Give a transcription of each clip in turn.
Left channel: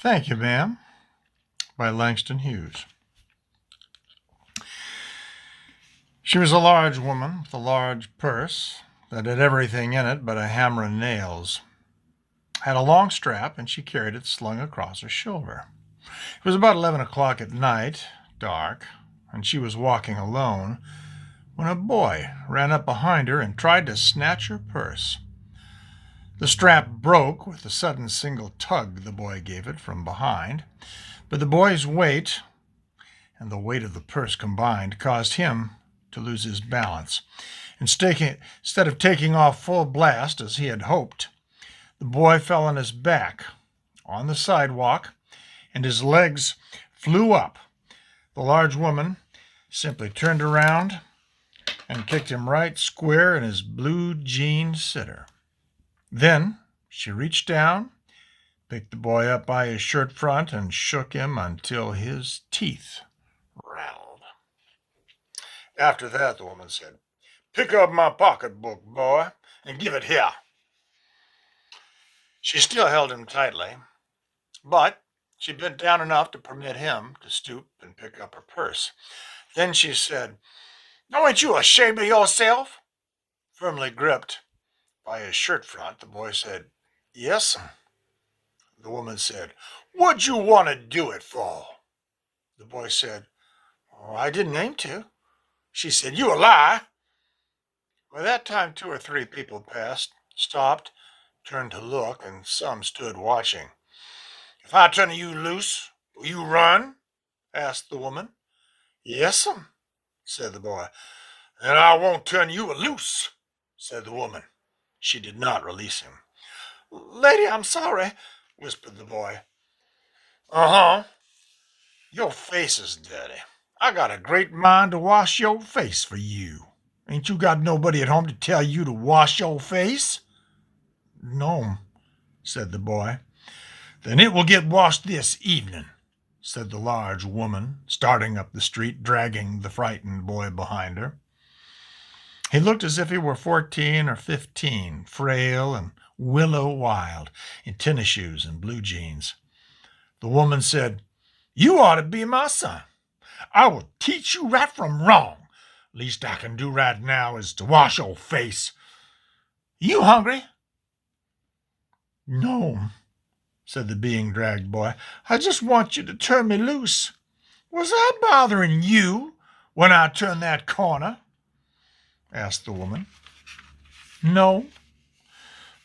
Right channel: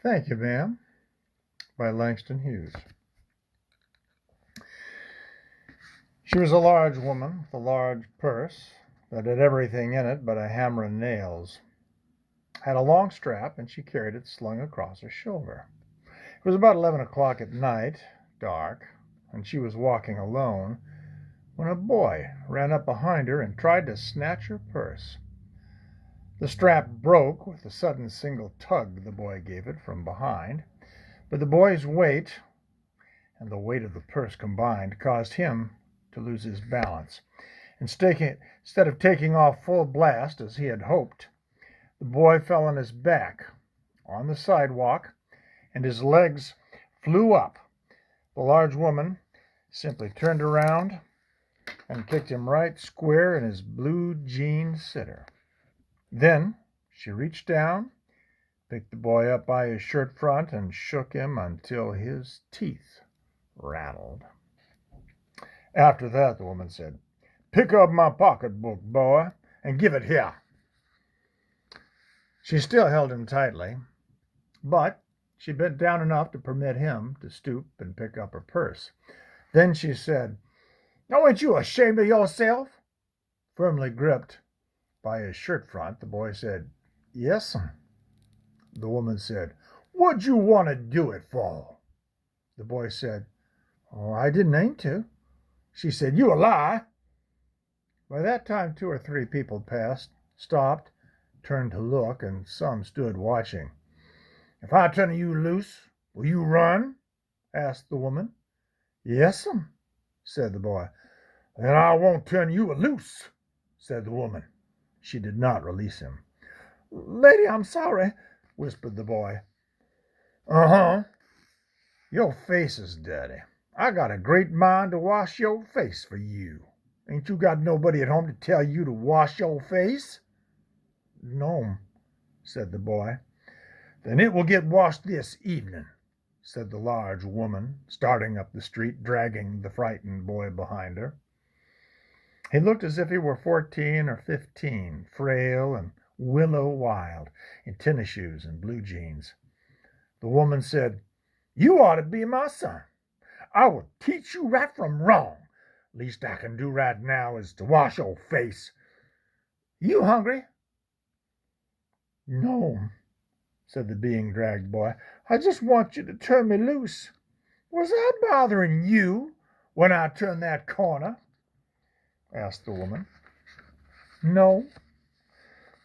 Thank you, ma'am, by Langston Hughes. She was a large woman with a large purse that had everything in it but a hammer and nails. Had a long strap, and she carried it slung across her shoulder. It was about 11 o'clock at night, dark, and she was walking alone when a boy ran up behind her and tried to snatch her purse. The strap broke with the sudden single tug the boy gave it from behind, but the boy's weight and the weight of the purse combined caused him to lose his balance. Instead of taking off full blast as he had hoped, the boy fell on his back on the sidewalk and his legs flew up. The large woman simply turned around and kicked him right square in his blue jean sitter. Then she reached down, picked the boy up by his shirt front, and shook him until his teeth rattled. After that, the woman said, "Pick up my pocketbook, boy, and give it here." She still held him tightly, but she bent down enough to permit him to stoop and pick up her purse. Then she said, "Now, ain't you ashamed of yourself?" Firmly gripped by his shirt front, the boy said, "Yes'm." The woman said, "What'd you want to do it for?" The boy said, "Oh, I didn't aim to." She said, "You a lie." By that time, 2 or 3 people passed, stopped, turned to look, and some stood watching. "If I turn you loose, will you run?" asked the woman. "Yes'm," said the boy. "Then I won't turn you loose," said the woman. She did not release him. "Lady, I'm sorry," whispered the boy. "Uh-huh. Your face is dirty. I got a great mind to wash your face for you. Ain't you got nobody at home to tell you to wash your face?" "No," said the boy. "Then it will get washed this evening," said the large woman, starting up the street, dragging the frightened boy behind her. He looked as if he were 14 or 15, frail and willow-wild, in tennis shoes and blue jeans. The woman said, "You ought to be my son. I will teach you right from wrong. Least I can do right now is to wash your face. You hungry?" "No," said the being dragged boy. "I just want you to turn me loose. Was I bothering you when I turned that corner?" asked the woman. "No,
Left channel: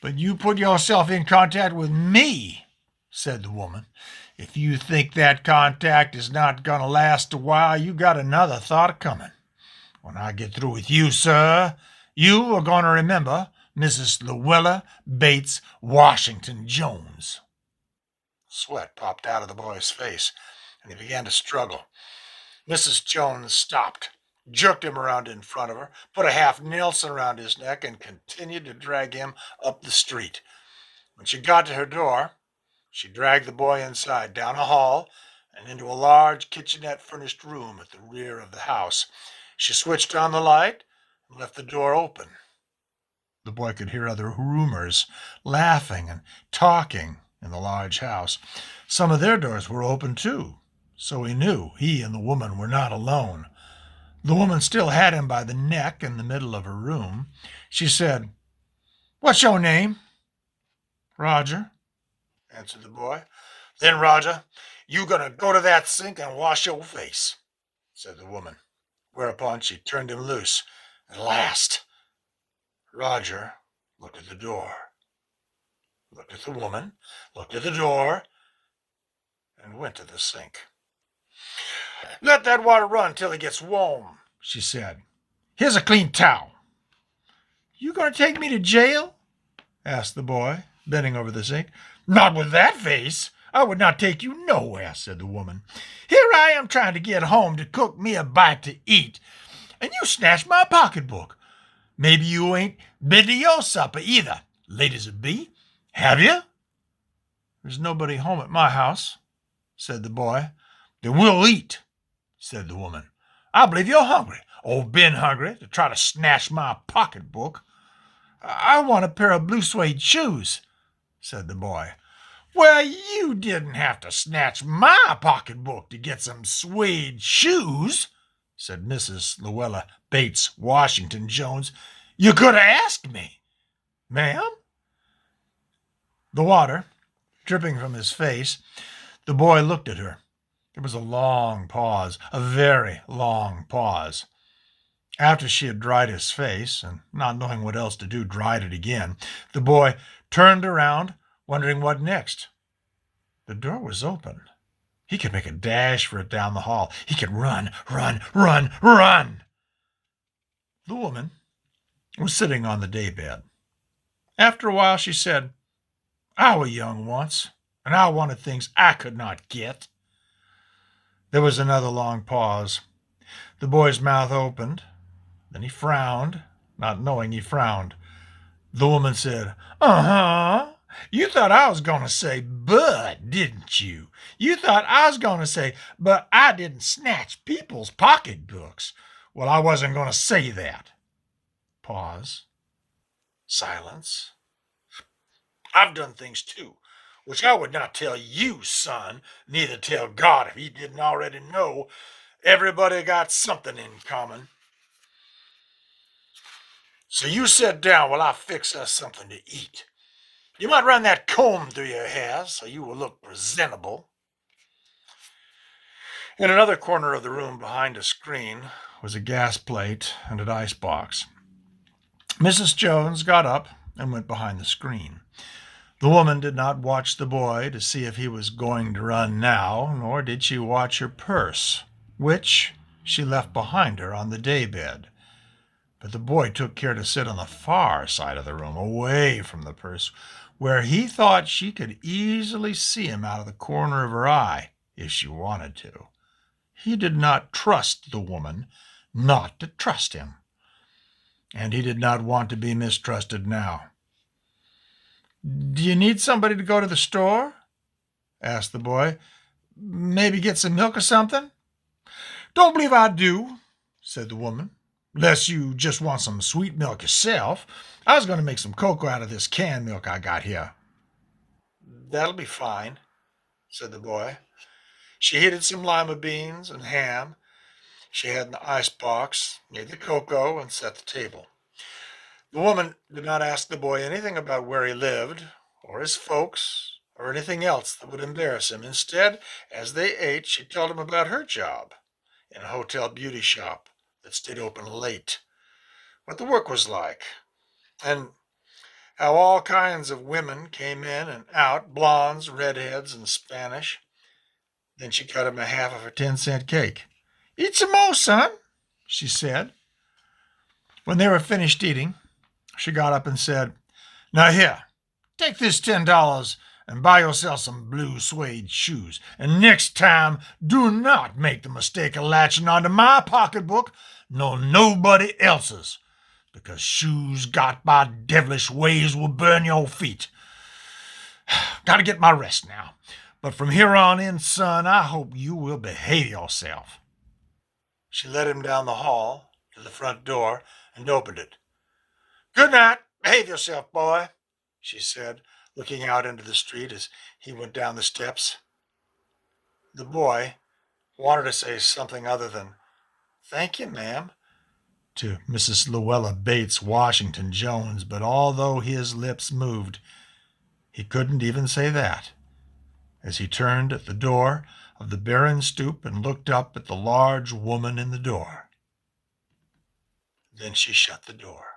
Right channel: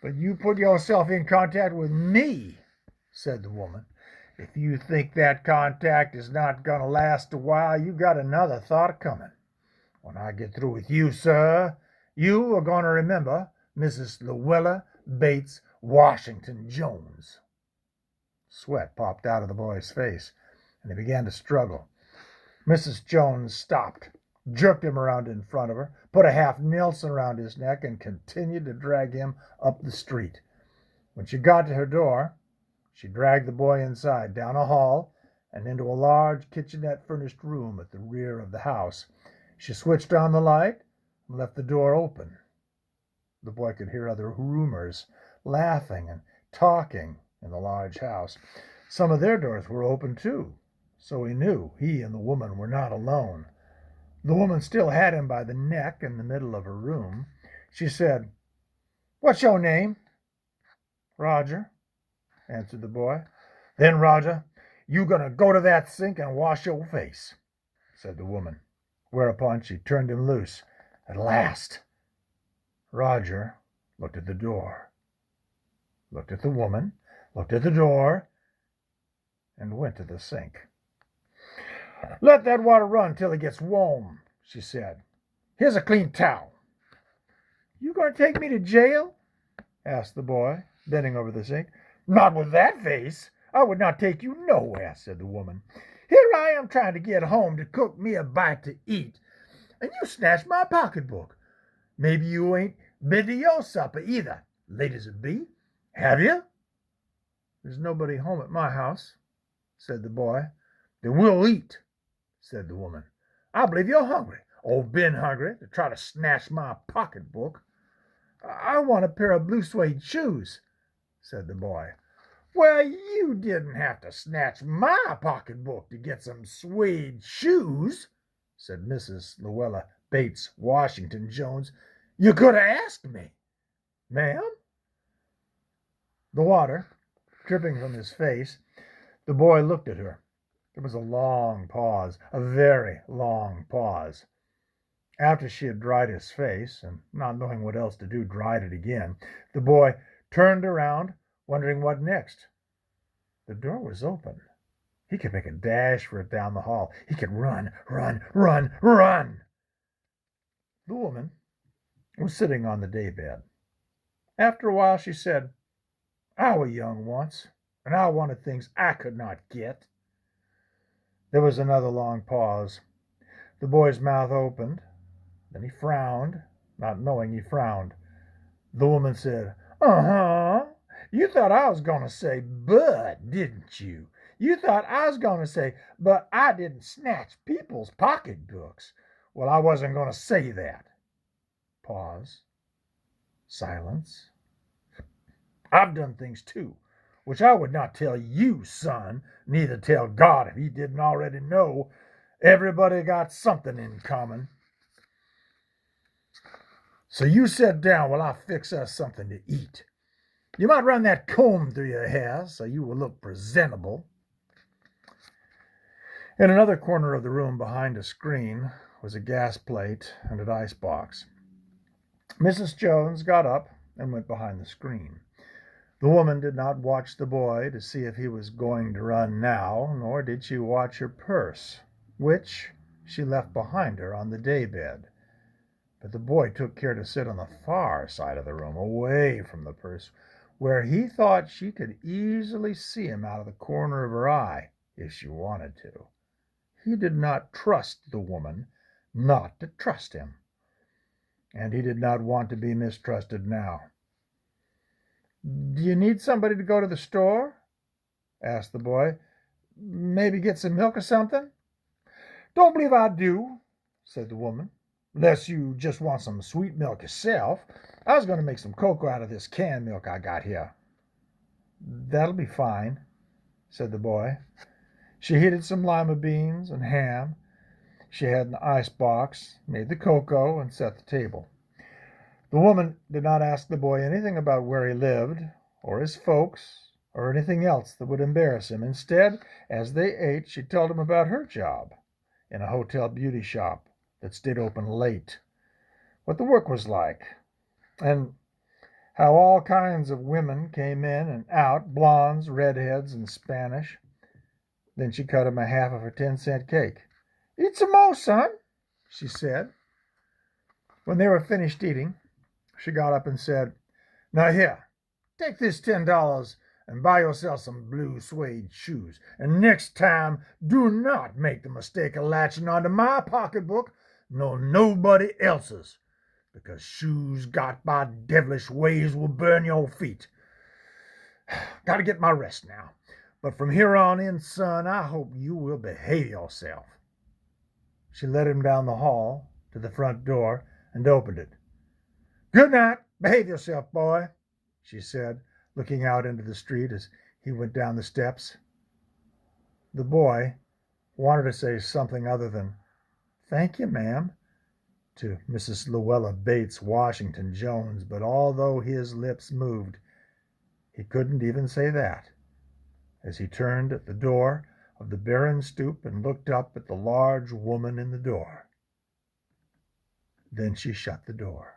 but you put yourself in contact with me," said the woman. "If you think that contact is not going to last a while, you got another thought coming. When I get through with you, sir, you are going to remember Mrs. Luella Bates Washington Jones." Sweat popped out of the boy's face, and he began to struggle. Mrs. Jones stopped, jerked him around in front of her, put a half Nelson around his neck, and continued to drag him up the street. When she got to her door, she dragged the boy inside, down a hall, and into a large kitchenette-furnished room at the rear of the house. She switched on the light and left the door open. The boy could hear other roomers laughing and talking in the large house. Some of their doors were open, too, so he knew he and the woman were not alone. The woman still had him by the neck in the middle of her room. She said, "What's your name?" "Roger," answered the boy. "Then, Roger, you gonna go to that sink and wash your face," said the woman, whereupon she turned him loose at last. Roger looked at the door, looked at the woman, looked at the door, and went to the sink. "Let that water run till it gets warm," she said. "Here's a clean towel." "You going to take me to jail?" asked the boy, bending over the sink. "Not with that face. I would not take you nowhere," said the woman. "Here I am trying to get home to cook me a bite to eat, and you snatched my pocketbook. Maybe you ain't been to your supper either, late as it be. Have you?" "There's nobody home at my house," said the boy. "Then we'll eat," said the woman. "I believe you're hungry, or been hungry, to try to snatch my pocketbook." "I want a pair of blue suede shoes," said the boy. Well, you didn't have to snatch my pocketbook to get some suede shoes, said Mrs. Luella Bates Washington Jones. You could have asked me. Ma'am? The water dripping from his face, the boy looked at her. There was a long pause, a very long pause. After she had dried his face, and not knowing what else to do, dried it again, the boy turned around, wondering what next. The door was open. He could make a dash for it down the hall. He could run, run, run, run. The woman was sitting on the daybed. After a while, she said, I was young once, and I wanted things I could not get. There was another long pause. The boy's mouth opened. Then he frowned, not knowing he frowned. The woman said, Uh-huh. You thought I was going to say, but, didn't you? You thought I was going to say, but I didn't snatch people's pocketbooks. Well, I wasn't going to say that. Pause. Silence. I've done things too, which I would not tell you, son, neither tell God if he didn't already know. Everybody got something in common. So you sit down while I fix us something to eat. You might run that comb through your hair so you will look presentable. In another corner of the room behind a screen was a gas plate and an icebox. Mrs. Jones got up and went behind the screen. The woman did not watch the boy to see if he was going to run now, nor did she watch her purse, which she left behind her on the daybed. But the boy took care to sit on the far side of the room, away from the purse, where he thought she could easily see him out of the corner of her eye if she wanted to. He did not trust the woman not to trust him, and he did not want to be mistrusted now. Do you need somebody to go to the store? Asked the boy. Maybe get some milk or something? Don't believe I do, said the woman. Unless you just want some sweet milk yourself. I was going to make some cocoa out of this canned milk I got here. That'll be fine, said the boy. She heated some lima beans and ham she had in the icebox, made the cocoa, and set the table. The woman did not ask the boy anything about where he lived, or his folks, or anything else that would embarrass him. Instead, as they ate, she told him about her job in a hotel beauty shop that stayed open late, what the work was like, and how all kinds of women came in and out, blondes, redheads, and Spanish. Then she cut him a half of her 10-cent cake. Eat some more, son, she said. When they were finished eating, she got up and said, Now here, take this $10 and buy yourself some blue suede shoes. And next time, do not make the mistake of latching onto my pocketbook nor nobody else's, because shoes got by devilish ways will burn your feet. Got to get my rest now. But from here on in, son, I hope you will behave yourself. She led him down the hall to the front door and opened it. Good night. Behave yourself, boy, she said, looking out into the street as he went down the steps. The boy wanted to say something other than, Thank you, ma'am, to Mrs. Luella Bates Washington Jones, but although his lips moved, he couldn't even say that. As he turned at the door of the barren stoop and looked up at the large woman in the door. Then she shut the door.